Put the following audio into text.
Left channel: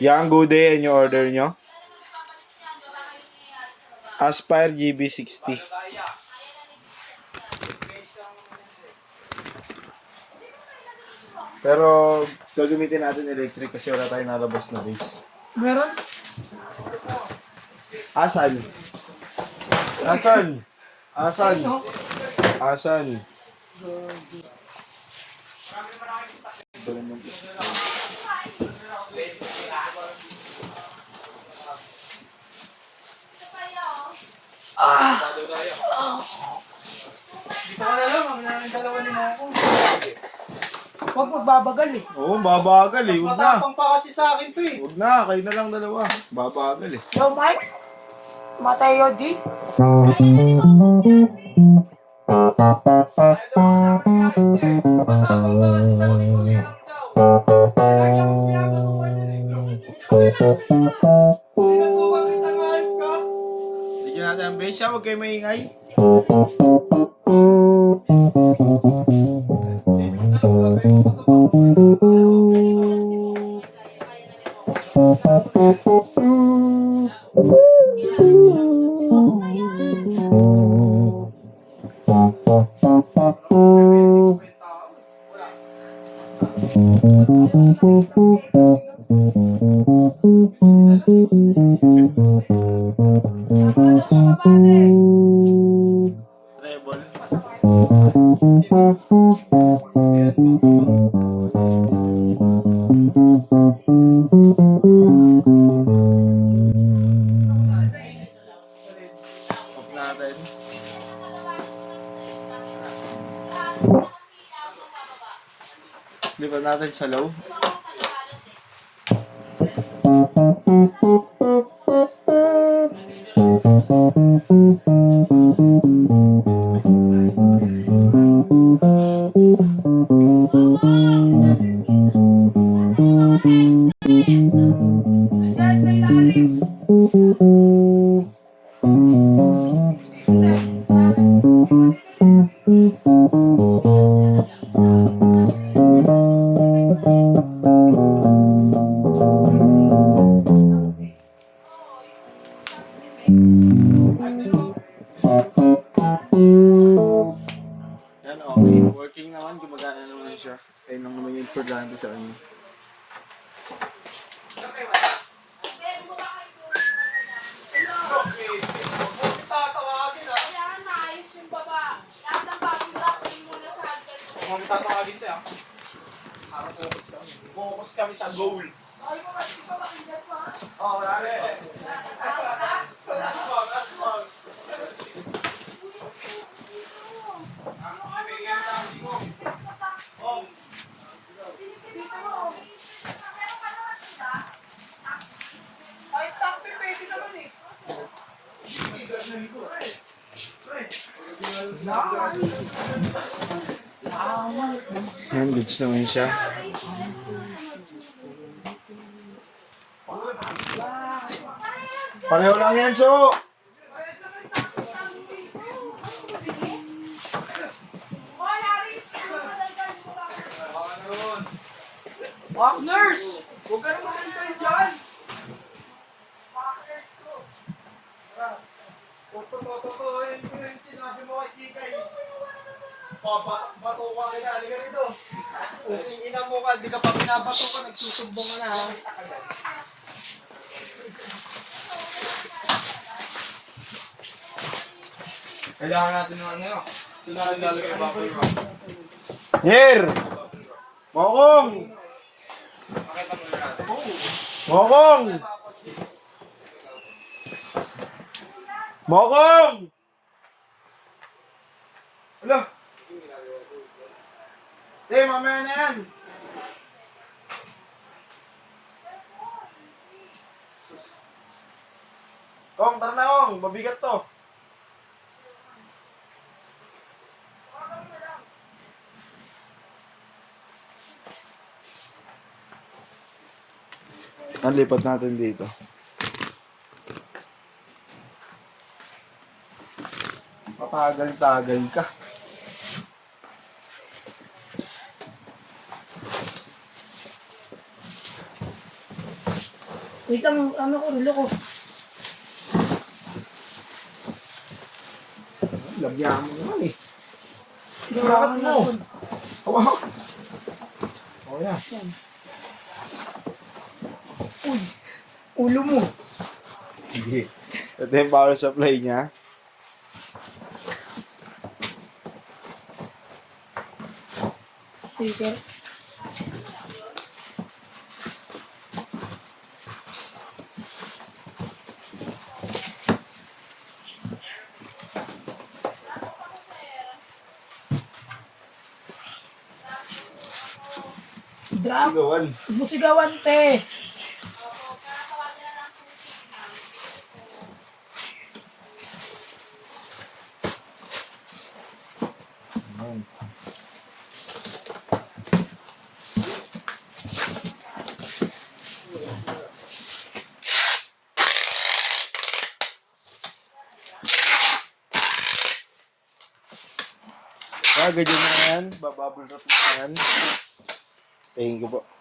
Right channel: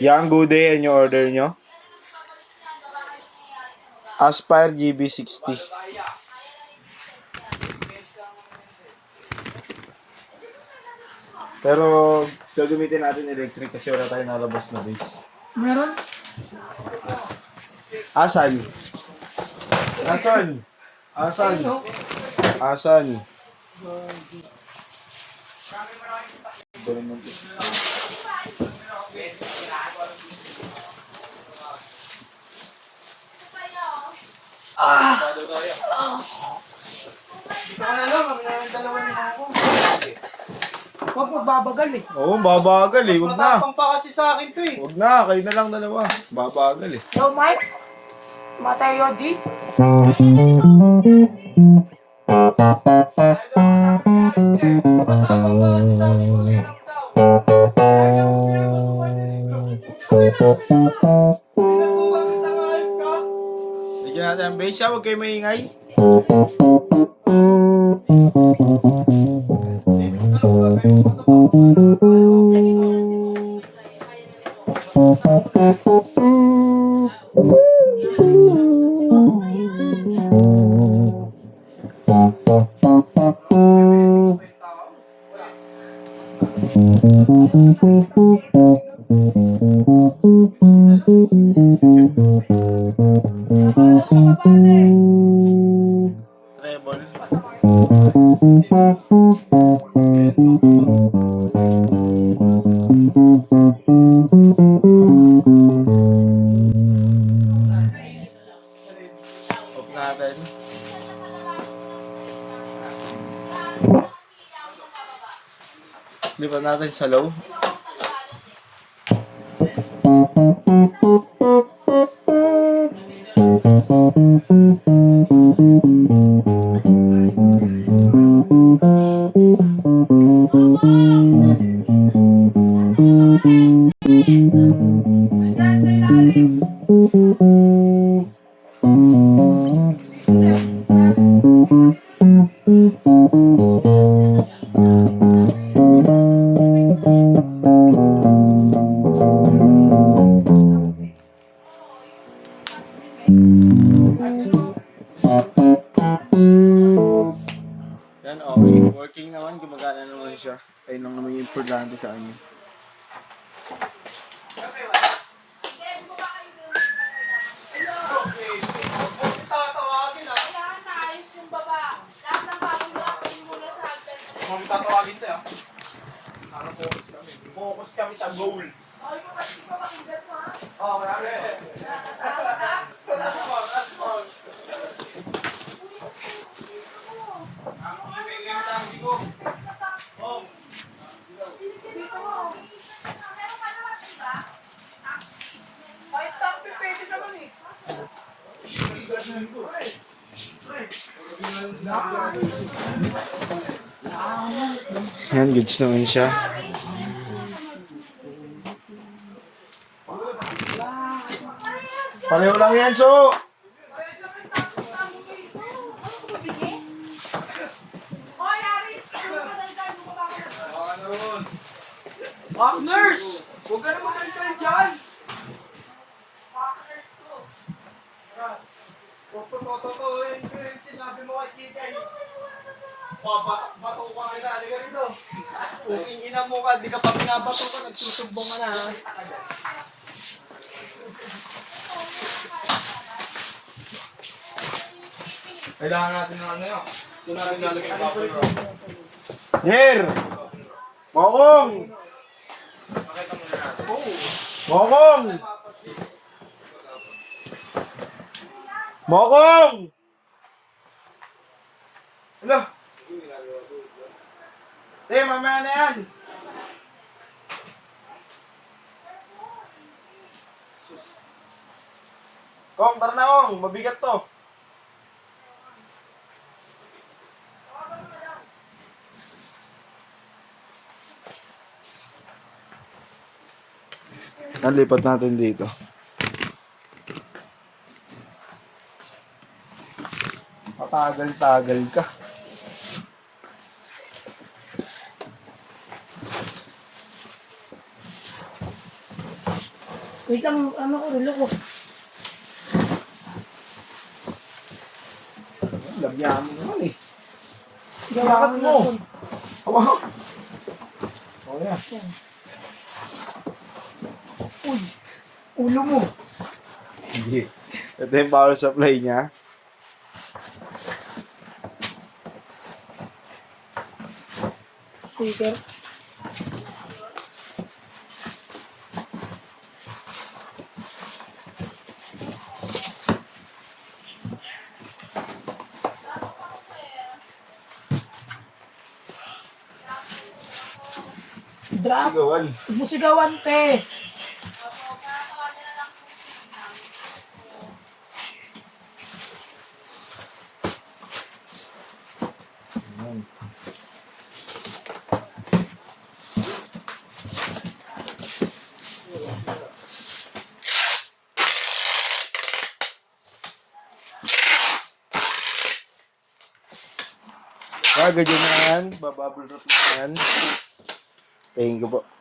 Yang good day and yung order nyo? Aspire GB60. Pero gagamitin natin electric kasi wala tayong nalabas na base. Meron? Asan? Asan? Asan? Asan? Dito ka na lang, kami na yung dalawa ni Mako. Huwag magbabagal eh. Oo, babagal eh. Huwag na. Matapang pa kasi sa akin to eh. Huwag na. Kayo na lang dalawa. Babagal eh. Yo, Mike. Matay Yodi. Bigyan natin ang base. Huwag kayo maingay. Lipat natin sa low. Yan, okay. Working naman, gumagana naman siya. Ayun ang naman yung importante sa kanya. Kung tatawagin to ah. Para focus kami. Focus kami sa goal. Oo, wala rin. Kahit takpi pwede naman eh. Yan, goods naman siya. Pareho lang yan, so! Partners! Huwag ka naman kantal dyan! Totoo yung sinabi mo kay Kikay. Bato ka kina, halika rito. Kung ina mo ka, di ka pa pinabato ka, nagsusumbong ka na ha. Kailangan natin ng ano yun. Ito na rin lalagay bubble wrap. Yer! Mokong! Pakita muna natin. Mokong! Mokong! Hala! Mamaya na yan! Kong, tara na Kong! Mabigat to! Ang lipat natin dito. Patagal-tagal ka. Wait lang, ano ko, relo ko. Labyan mo naman eh. Gawa mo? Hawak. Oh, yan. Uy, ulo mo. Hindi. Ito yung power supply niya. Sticker. Drop. Sigawan. Huwag mo sigawan, te. Ganyan na yan. Bababble wrap na yan. Tingin ko po.